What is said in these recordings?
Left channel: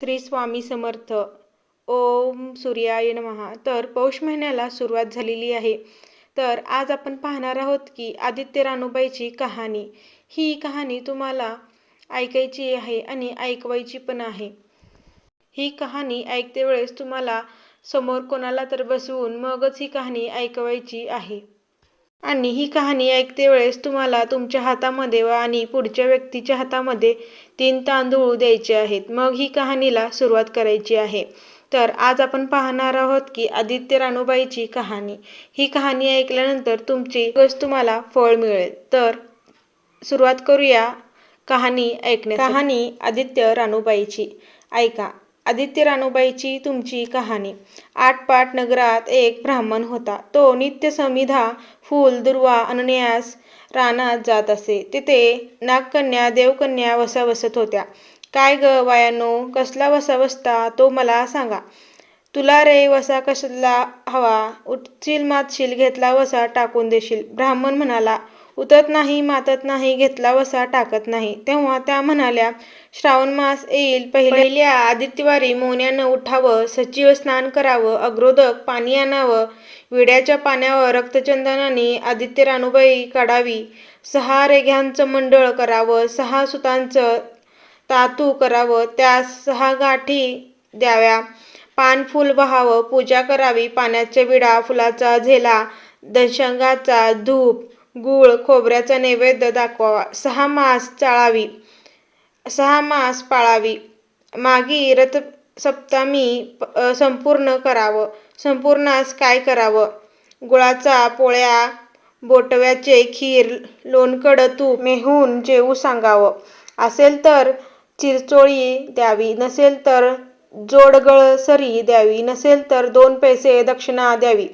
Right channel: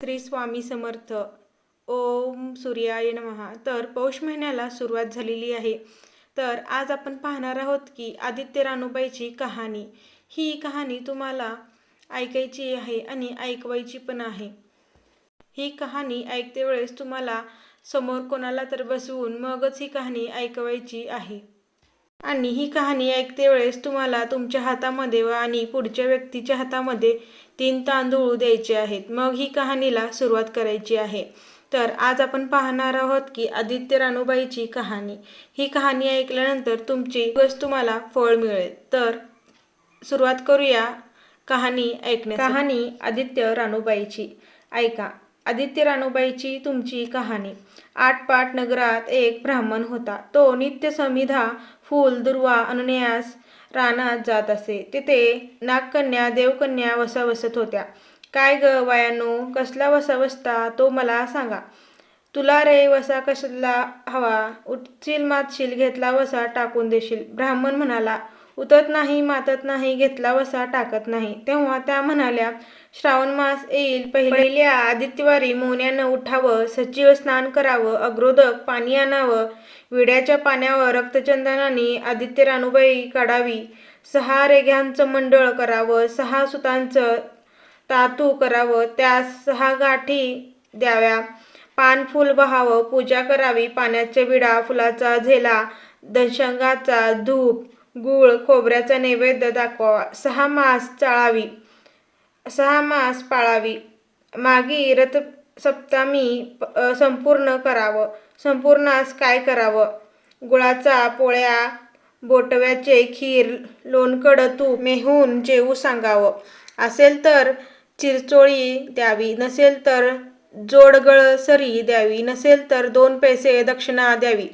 श्री स्वामी समर्थ. ओम सूर्याय नमः. तर पौष महिन्याला सुरुवात झालेली आहे. तर आज आपण पाहणार आहोत की आदित्य रानूबाईची कहाणी. ही कहाणी तुम्हाला ऐकायची आहे आणि ऐकवायची पण आहे. ही कहाणी ऐकते वेळेस तुम्हाला समोर कोणाला तर बसवून मगच ही कहाणी ऐकवायची आहे. आणि ही कहाणी ऐकते वेळेस तुम्हाला तुमच्या हातामध्ये आणि पुढच्या व्यक्तीच्या हातामध्ये 3 तांदूळ द्यायचे आहेत. मग ही कहाणीला सुरुवात करायची आहे. तर आज आपण पाहणार आहोत की आदित्य रानूबाईची कहाणी. ही कहाणी ऐकल्यानंतर तुमची तुम्हाला फळ मिळेल. तर सुरुवात करूया कहाणी ऐकण्यासाठी. कहाणी आदित्य रानूबाईची. ऐका आदित्य रानूबाईची तुमची कहाणी. आटपाट नगरात एक ब्राह्मण होता. तो नित्य समिधा फूल दुर्वा आणण्यास रानात जात असे. तिथे नागकन्या देवकन्या वसा बसत होत्या. काय ग बायानो, कसला वसा बसता तो मला सांगा. तुला रे वसा कसला हवा? उठशील मातशील, घेतला वसा टाकून देशील. ब्राह्मण म्हणाला, उतत नाही मातत नाही, घेतला वसा टाकत नाही. तेव्हा त्या म्हणाल्या, श्रावण मास येईल, पहिल्या आदित्यवारी मोन्यानं उठावं, सचिव स्नान करावं, अग्रोदक पाणी आणावं, विड्याच्या पाण्यावर रक्तचंदनाने आदित्य रानूबाई काढावी, 6 रेघ्यांचं मंडळ करावं, 6 सुतांचं तातू करावं, त्यास 6 गाठी द्याव्या, पान फुल वाहावं, पूजा करावी, पाण्याच्या विडा, फुलाचा झेला, दशंगाचा धूप, गूळ, खोबऱ्याचा नैवेद्य दाखवावा, 6 मास चाळावी, 6 मास पाळावी, मागी रथसप्तमी संपूर्ण करावं. संपूर्णास काय करावं? गुळाचा पोळ्या, बोटव्याचे खीर, लोणकड तूप मेहून जेवू सांगावं. असेल तर चिरचोळी द्यावी, नसेल तर जोडगळसरी द्यावी, नसेल तर 2 पैसे दक्षिणा द्यावी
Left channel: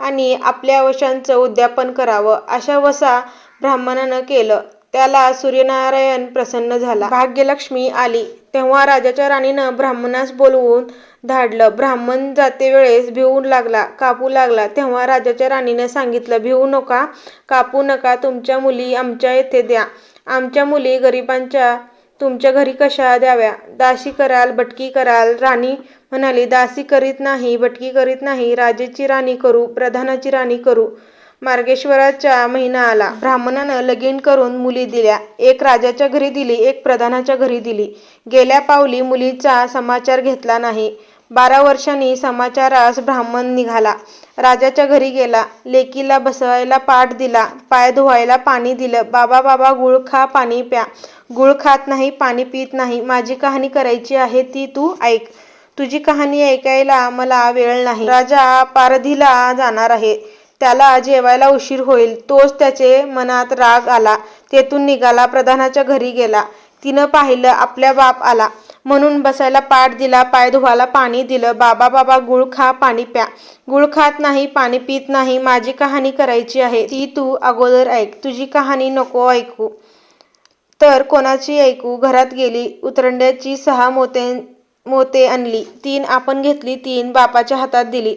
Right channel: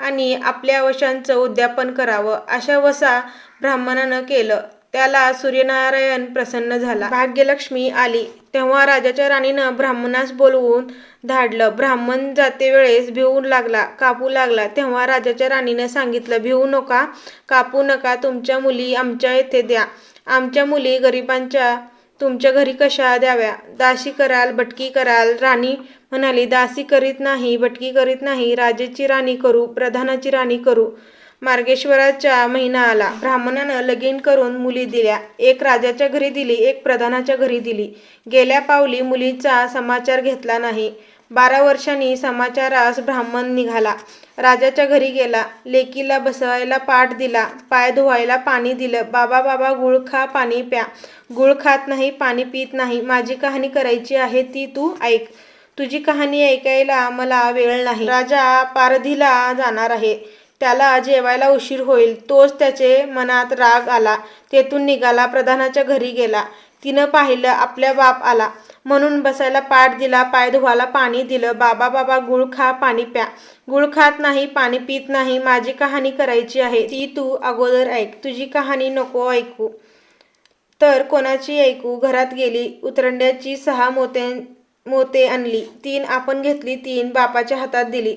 आणि आपल्या वशांचं उद्यापन करावं. अशा वसा ब्राह्मणानं केलं. त्याला सूर्यनारायण प्रसन्न झाला. भाग्यलक्ष्मी आली. तेव्हा राजाच्या राणीनं ब्राह्मणास बोलवून धाडलं. ब्राह्मण जातेवेळेस भिवू लागला, कापू लागला. तेव्हा राजाच्या राणीनं सांगितलं, भिवू नका, कापू नका, तुमच्या मुली आमच्या येथे द्या. आमच्या मुली गरिबांच्या तुमच्या घरी कशा द्याव्या? दासी कराल, भटकी कराल? राणी म्हणाली, दासी करीत नाही, भटकी करीत नाही, राजेची राणी करू, प्रधानाची राणी करू. मार्गशीर्षाचा महिना आला. ब्राह्मणानं लगीन करून मुली दिल्या. एक राजाच्या घरी दिली, एक प्रधानाच्या घरी दिली. गेल्या पावली मुलीचा समाचार घेतला नाही. 12 वर्षांनी समाचारास ब्राह्मण निघाला. राजाच्या घरी गेला. लेकीला बसायला पाट दिला, पाय धुवायला पाणी दिलं. बाबा बाबा, गुळ खा, पाणी प्या. गुळ खात नाही, पाणी पित नाही. माझी कहाणी करायची आहे, ती तू ऐक. तुझी कहाणी ऐकायला मला वेळ नाही. राजा पारधीला जाणार आहे. त्याला जेवायला उशीर होईल. तोच त्याचे मनात राग आला. तेथून निघाला, प्रधानाच्या घरी गेला. तिनं पाहिलं, आपल्या बाप आला म्हणून बसायला पाट दिला, पाय धुवायला पाणी दिलं. बाबा बाबा, गुळ खा, पाणी प्या. गुळ खात नाही, पाणी पित नाही. माझी कहाणी करायची आहे, ती तू अगोदर ऐक. तुझी कहाणी नको ऐकू तर कोणाची ऐकू? घरात गेली, उतरंड्याची 6 मोते आणली. 3 आपण घेतली, 3 बापाच्या हातात दिली.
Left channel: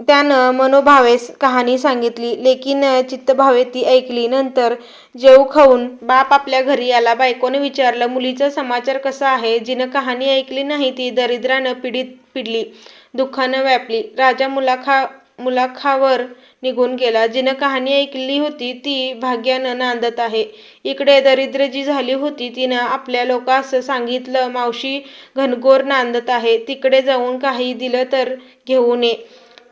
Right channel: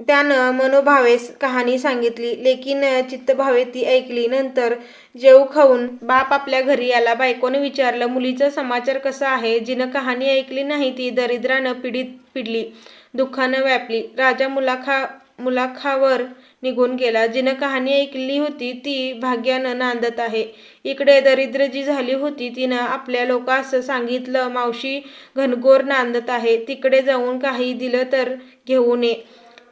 त्यानं मनोभावे कहाणी सांगितली. लेकीनं चित्तभावे ती ऐकली. नंतर जेवू खाऊन बाप आपल्या घरी आला. बायकोनं विचारलं, मुलीचा समाचार कसा आहे? जिनं कहाणी ऐकली नाही ती दरिद्रानं पिडली, दुःखानं व्यापली. राजा मुलाखावर निघून गेला. जिनं कहाणी ऐकली होती ती भाग्यानं नांदत आहे. इकडे दरिद्र जी झाली होती तिनं आपल्या लोकांस सांगितलं, मावशी घनघोर नांदत आहे, तिकडे जाऊन काही दिलं तर घेऊन ये.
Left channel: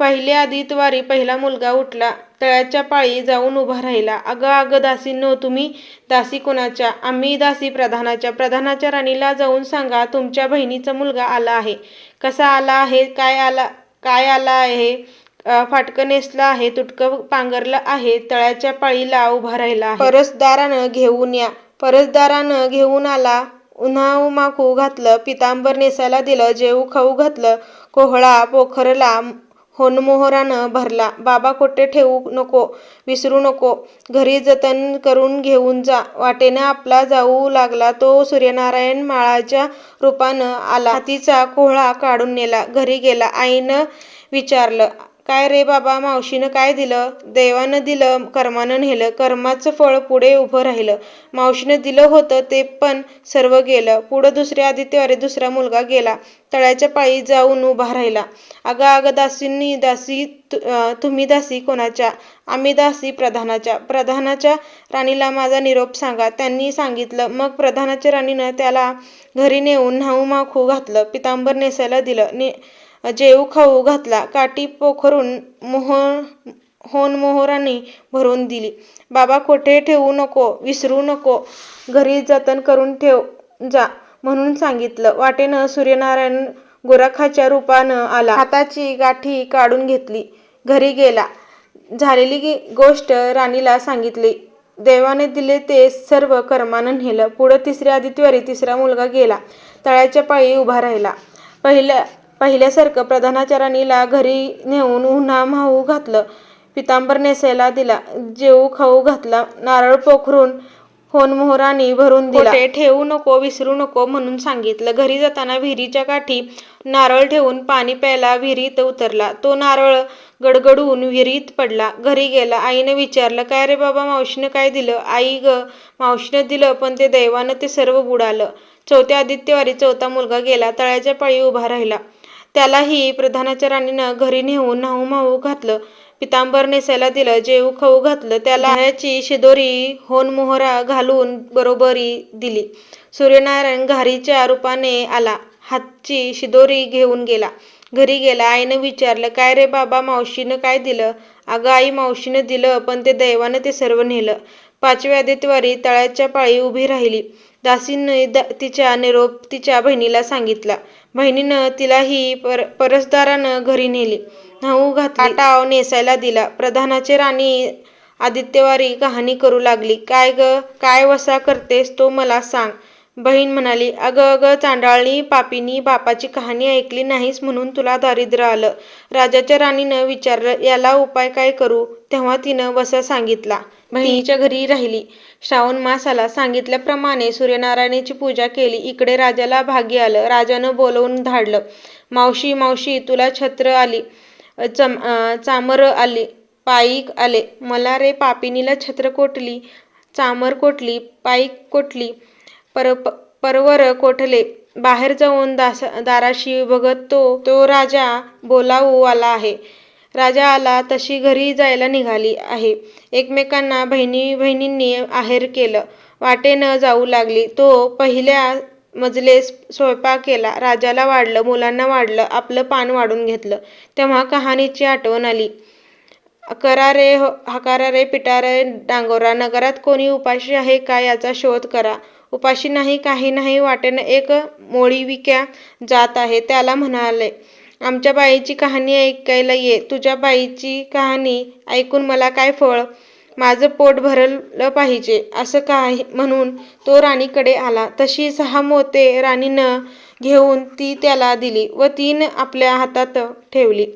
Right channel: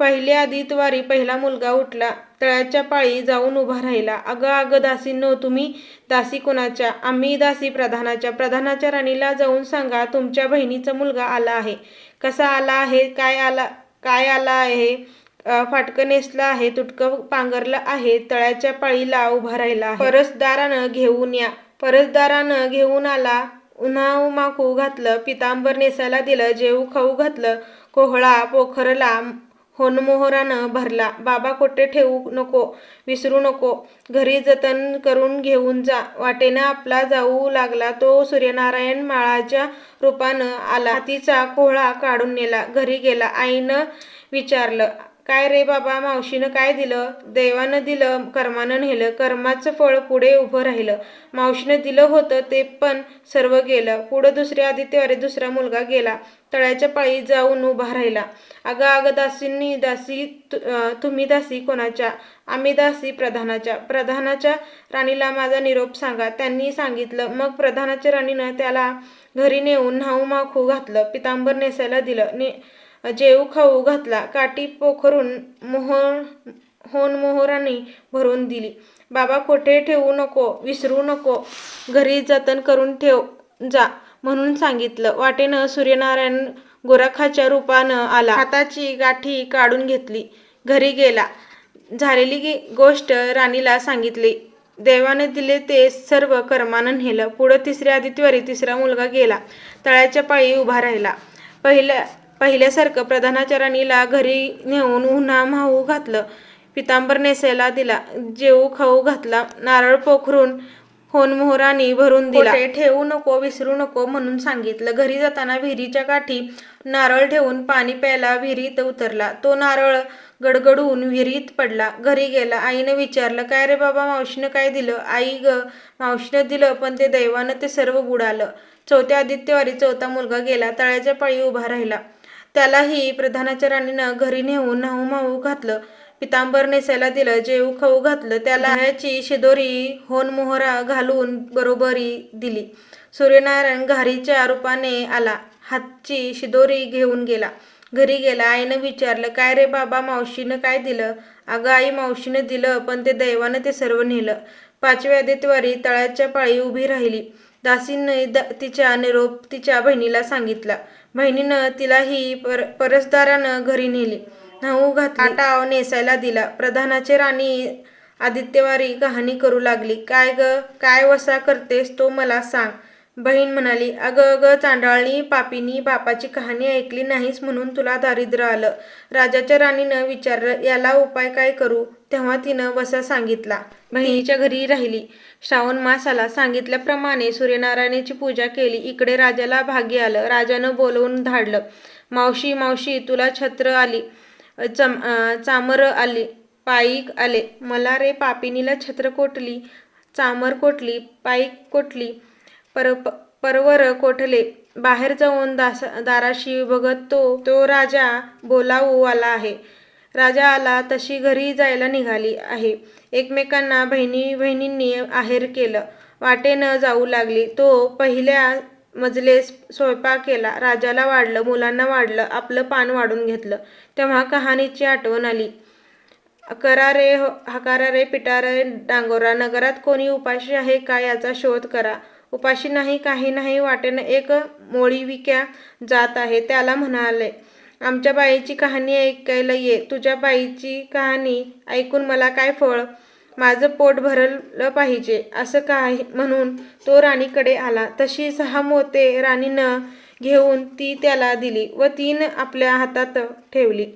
पहिल्या आदित्यवारी पहिला मुलगा उठला. तळ्याच्या पाळी जाऊन उभा राहिला. अगं अगं दासींनो, तुम्ही दासी कोणाच्या? आम्ही दासी प्रधानाच्या. प्रधानाच्या राणीला जाऊन सांगा, तुमच्या बहिणीचा मुलगा आला आहे. कसा आला आहे? काय आला आहे? फाटकं नेसलं आहे, तुटकं पांघरलं आहे, तळ्याच्या पाळीला उभा राहिला आहे. परसदारानं घेऊन या. परसदारानं घेऊन आला. उन्हामाकू घातलं, पितांबर नेसायला दिलं, जेवू खाऊ घातलं. कोहळा पोखरला होनमोहरानं भरला. बाबा कोठे ठेवू नको, विसरू नको, घरी जतन करून घेऊन जा. वाटेनं आपला जाऊ लागला तो सूर्यनारायण माळाच्या रूपानं आला. हातीचा कोहळा काढून नेला. घरी गेला. आईनं विचारलं, काय रे बाबा, मावशीनं काय दिलं? देवानं दिलं, कर्मानं नेलं. कर्माचं फळ पुढे उभं राहिलं. मावशीनं दिलं होतं ते पण सर्व गेलं. पुढं दुसऱ्या आदित्यवारी दुसरा मुलगा गेला. तळ्याच्या पायी जाऊन उभा राहिला. अगं दासींनी, दासी तुम्ही दासी कोणाच्या? आम्ही दासी प्रधानाच्या. प्रधानाच्या राणीला माझा निरोप सांगा. त्यांनी सांगितलं. मग प्रधानाच्या राणीनं त्याला घरी नेऊन न्हाऊ माखू घातलं. पितांबर नेसायला दिलं. जेवू खाऊ घातला. काठी पोखरून मोहरांनी भरून दिली. बाबा कोठे ठेवू नको, विसरू नको, घरी जतन करून ठेव जा म्हणून सांगितलं. वाटेनं सूर्यनारायण गोरखाच्या रूपानं आला. हाताची गाठी काढून घेतली. घरी गेला. झालेली गोष्ट राणीला सांगितली. देवाने दिले ते सर्व कर्मानं नेलं. पुढं तिसऱ्या आदित्यवारी तिसरा मुलगा गेला. तळ्याच्या पायी उभा राहिला. पहिल्यासारखं प्रधानाच्या राणीला घरी नेऊन उन्हा माहू घातलं. पितांबर नेसायला दिला. जेवू खाऊ घातला. नारळ पोखरून मोहरांनी भरून दिला. कोठे ठेवू नको, विसरू नको म्हणून सांगितलं. घरी जाताना विहिरीच्या काठी नारळ ठेवून पाणी प्यायला विहिरीत उतरला. तो नारळ गडगडून विहिरीत पडला. घरी गेला. आईनं विचारलं, काय रे बाबा, मावशीनं काय दिलं? आई ग, मावशीनं दिलं पण ते देवानं ते सर्व बुडालं. चौथ्या आदित्यवारी चौथा मुलगा गेला. तळ्याच्या पायी उभा राहिला. त्यालाही प्रधानाच्या राणीनं घरी नेऊन न्हाऊ माहू घातलं. पितांबर नेसायला दिलं. जेवू खाऊ घातलं. त्याला ह्याची शिदोरी मोहरा घालून बरोबरी दिली. सूर्यनारायण घारीच्या रूपाने आला. हातची शिदोरी घेऊन गेला. घरी गेला. आईनं विचारलं, काय रे बाबा, मावशीनं काय दिलं? अगं आई, मावशीनं दिलं पण ते देवानं ते सर्व नेलं. पाचव्या आदित्यवारी तळ्याच्या पायी उभी राहिली. दासीने तिचा निरोप तिच्या बहिणीला सांगितला. बहिणीनं तिलाही परसदारानं घरी नेली. न्हाऊ घातली. काटाव नेसायला दिला. प्रधानाची राणी आदित्यवारी कहाणी करू लागली. काय ग, काय वसा करतेस तो मला सांग. बहीण म्हणाली, अगं चांडाळणी, पापीनी, बापाची कहाणी ऐकली नाहीस म्हणून तुला दारिद्र्य आलं. राजाच्या राणीनं विचारलं, याला उपाय काय करू? तेव्हा तिनं वसा सांगितला. बहिणीच्या घरी राहिली. श्रावण मास आला. सांगितल्याप्रमाणे सूर्यनारायणाची पूजा केली. इकडे राजाला भाग्य आलं. राजानं बोलवून धाडलं. मावशी, तुला छत्र आली, चामरं आली, पाईक आले. मला रे पापिनीला छत्र कोठली, चामर कोठली, पाईक कोठली, परवर कोठले. बाहेर जाऊन दाराशी बघत तो राजा बोलावू आला आहे. राजा आला तशी घरी जायला निघाली आहे. एकमेकांना बहिणींनी आहेर केलं. वाटेनं जाऊ लागली. तो पहिल्या मजलेस स्वयंपाक केला. राजाला वाढलं, मुलांना वाढलं, आपलं पान वाढून घेतलं. तेव्हा कहाणीची आठवण आली. हकारा रे पिटारे डांगोरा, नगरात कोणी उपाशी आहे का याचा शोध करा. उपाशी नाही, काही नाही. वाटेनं एक मोळीविक्या जात आहे. त्याला म्हणाले, आमच्या बाईची कहाणी ऐकायला ये. तुझ्या बाईची कहाणी ऐकून मला काय फळ? माझं पोट भरलं पाहिजे असं काय म्हणून तो राणीकडे आला. तशी 6 मोते राणीनं घेऊन ती त्याला दिली व 3 आपल्या हातात ठेवली.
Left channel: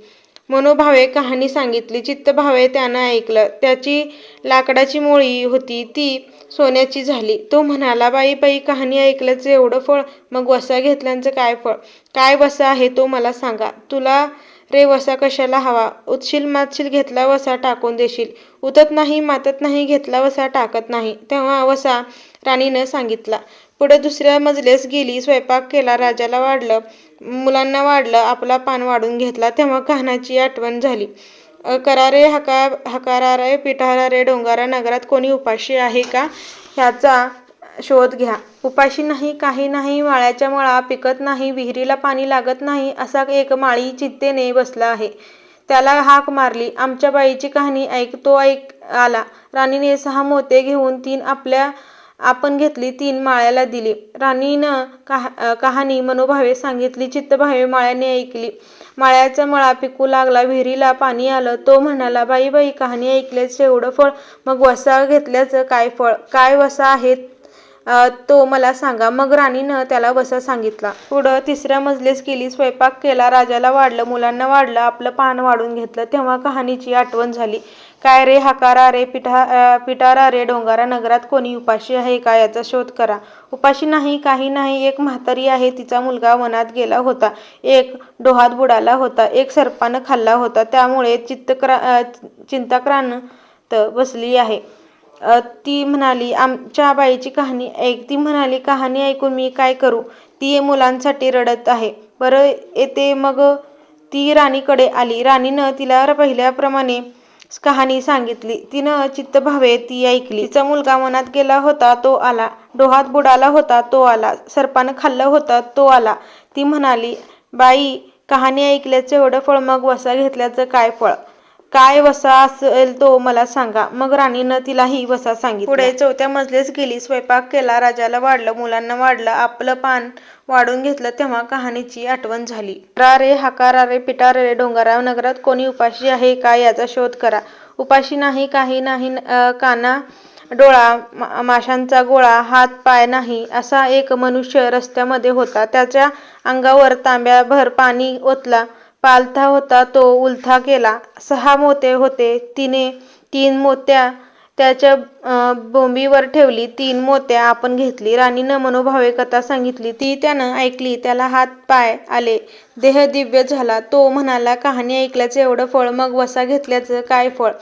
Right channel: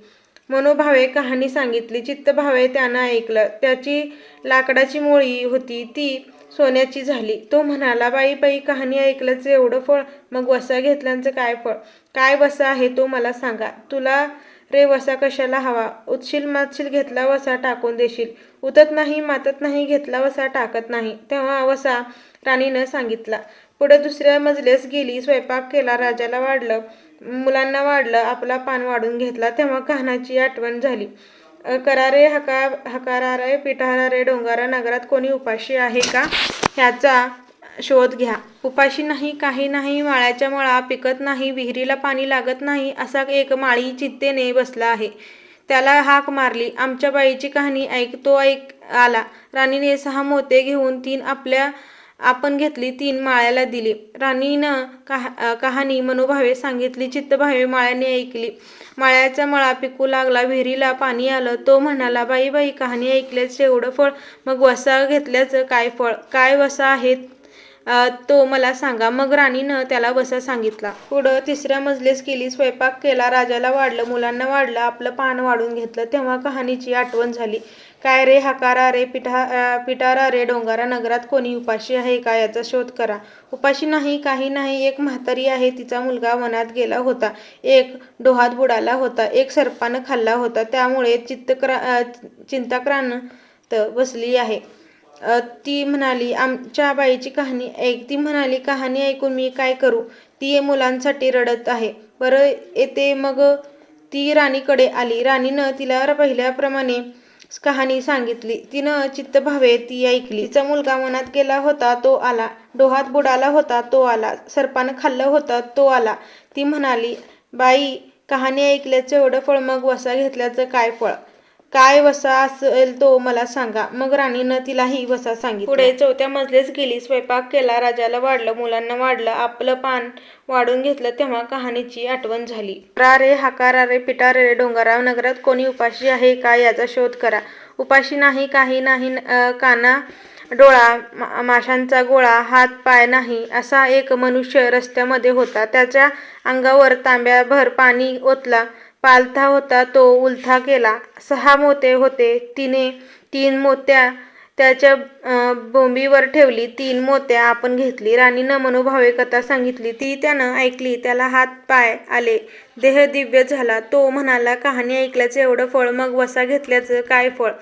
मनोभावे कहाणी सांगितली. चित्तभावे त्यानं ऐकलं. त्याची लाकडाची मोळी होती ती सोन्याची झाली. तो म्हणाला, बाई, कहाणी ऐकल्याचं एवढं फळ, मग वसा घेतल्याचं काय फळ? काय वसा आहे तो मला सांगा. तुला रे वसा कशाला हवा? उतशील मातशील घेतला वसा टाकून देशील. उतत नाही मातत नाही घेतला वसा टाकत नाही. तेव्हा वसा राणीनं सांगितला. पुढे दुसऱ्या मजलेस गेली. स्वयंपाक केला. राजाला वाढलं, मुलांना वाढलं, आपला पान वाढून घेतला. तेव्हा कहाणाची आठवण झाली. करारे हकारा रे पिटारा रे डोंगारा, नगरात कोणी उपाशी आहे का ह्याचा शोध घ्या. उपाशी नाही, काही नाही. माळ्याच्या मळा पिकत नाही, विहिरीला पाणी लागत नाही असा एक माळी चिंतेने बसला आहे. त्याला हाक मारली. आमच्या बाईची कहाणी ऐक. तो आला. राणीने 6 मोते घेऊन 3 आपण घेतली, 3 माळ्याला दिली. राणीनं कहाणी मनोभावे सांगितली. चित्तभावे माळ्याने ऐकली. माळ्याचा मळा पिकू लागला. विहिरीला पाणी आलं. तो म्हणाला, बाई, कहाणी ऐकल्याचं एवढं फळ, मग वसा घेतल्याचं काय फळ? काय वसा आहे तो मला सांगा. मग राणीनं त्याला वसा सांगितला. पुढं तिसऱ्या मजलेस गेली. स्वयंपाक केला. राजाला वाढलं, मुलांना वाढलं, आपलं पान वाढून घेतलं. तेव्हा कहाणीची आठवण झाली. काय रे हकारा रे पिटारा रे डोंगरा नगरात कोणी उपाशी आहे का याचा शोध करा. उपाशी नाही काही नाही, एक म्हातारी आहे तिचा मुलगा वनात गेला होता, एक डोहात बुडाला होता, एक सर्पानं खाल्ला होता, त्यामुळे चिंताक्रांत बसली आहे. ती म्हणाली आमच्या बाईची कहाणी ऐक. ती म्हणाली कहाणी ऐकून मी काय करू, ती मुलांसाठी रडत आहे. बरं येते मग. ती राणीकडे आली. राणीनं तिला पहिल्याप्रमाणे कहाणी सांगितली. तिनं चित्तभावे ती ऐकली. तिचा मुलगा वनात गेला होता तो आला, डोहात बुडाला होता तो आला, सर्पानं खाल्लं होतं तो आला. ती म्हणाली बाई कहाणी ऐकल्याचं एवढं फळ, मग वसा घेतल्याचं काय फळ, काय वसा असेल तो मला सांगा. मग राणीनं तिलाही वसा सांगितला. पुढे 4थ्या मजलेस गेली, स्वयंपाक केला, राजाला वाढलं, मुलांना वाढलं, आपलं पान वाढून घेतलं, तेव्हा कहाणीची आठवण झाली. रा रे हकारा रे पिटारा रे डोंगरा नगरात कोणी उपाशी आहे का याचा शोध करा. उपाशी नाही काही नाही, काना डोळा माशांचा गोळा, हात पाय नाही, असा एक मनुष्य रस्त्यामध्ये होता. त्याच्या अंगावर तांब्याभर पाणी ओतला, पालथा होता तो उलथा केला. 6 मोते होते, तिने 3 मोत्या त्याच्या बोंबीवर ठेवली, 3 मोत्या आपण घेतली. राणीनं मनोभावे कथा सांगितली, ती त्यानं ऐकली. त्याला हात पाय आले, देह दिव्य झाला. तो म्हणाला कहाणी ऐकल्याचं एवढं फळ, मग वसा घेतल्याचं काय फळ,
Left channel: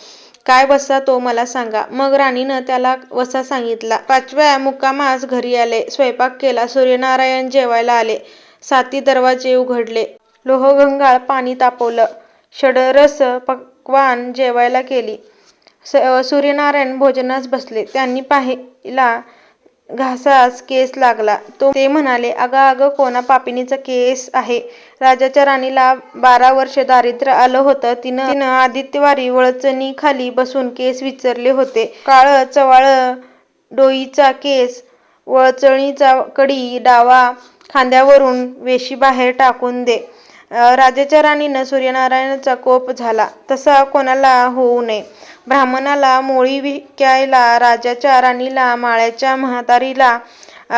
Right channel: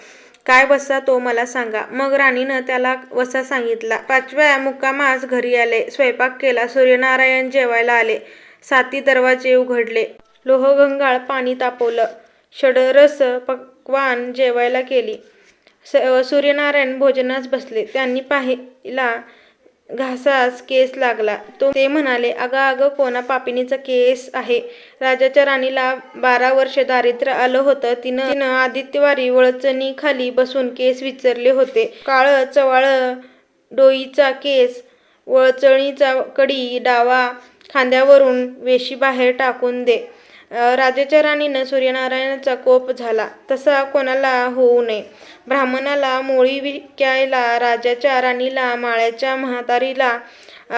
काय वसा तो मला सांगा. मग राणीनं त्याला वसा सांगितला. 5व्या मुक्कामास घरी आले, स्वयंपाक केला, सूर्यनारायण जेवायला आले, 7 दरवाजे उघडले, लोहगंगाळ पाणी तापवलं, षड्रस पक्वान्न जेवायला केली. सूर्यनारायण भोजनास बसले. त्यांनी पाहिला घासास केस लागला. ते म्हणाले अगं अगं कोणा पापिनीचा केस आहे. राजाच्या राणीला 12 वर्ष दारिद्र्य आलं होतं. तिनं आदित्यवारी वळचणीखाली बसून केस विचारले होते. काळं चवाळं डोईचा केस, वळचणीचा कडी, डावा खांद्यावरून वेशी बाहेर टाकून दे. राजाच्या राणीनं सूर्यनारायणाचा कोप झाला. तसा कोणाला होऊ नये. ब्राह्मणाला मोळी विकायला, राजाच्या राणीला, माळ्याच्या म्हातारीला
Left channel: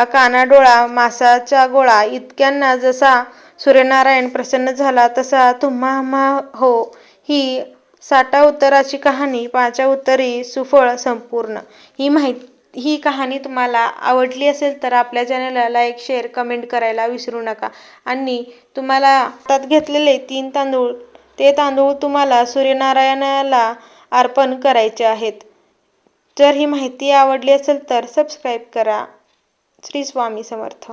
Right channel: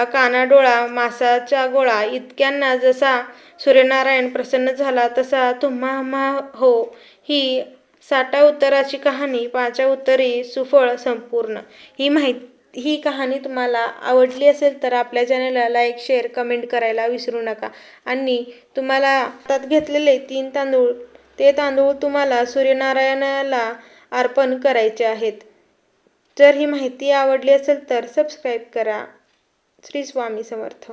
कानाडोळा, मासाचा गोळा, इतक्यांना जसा सूर्यनारायण प्रसन्न झाला तसा तुम्हा हो. ही 60 उत्तराची कहाणी 5व्या उत्तरी सुफळ संपूर्ण. ही कहाणी तुम्हाला आवडली असेल तर आपल्या चॅनलला लाईक, शेअर, कमेंट करायला विसरू नका. आणि तुम्हाला हातात घेतलेले 3 तांदूळ, ते तांदूळ तुम्हाला सूर्यनारायणाला अर्पण करायचे आहेत. जर ही माहिती आवडली असेल तर सबस्क्राईब करा. श्री स्वामी समर्थ.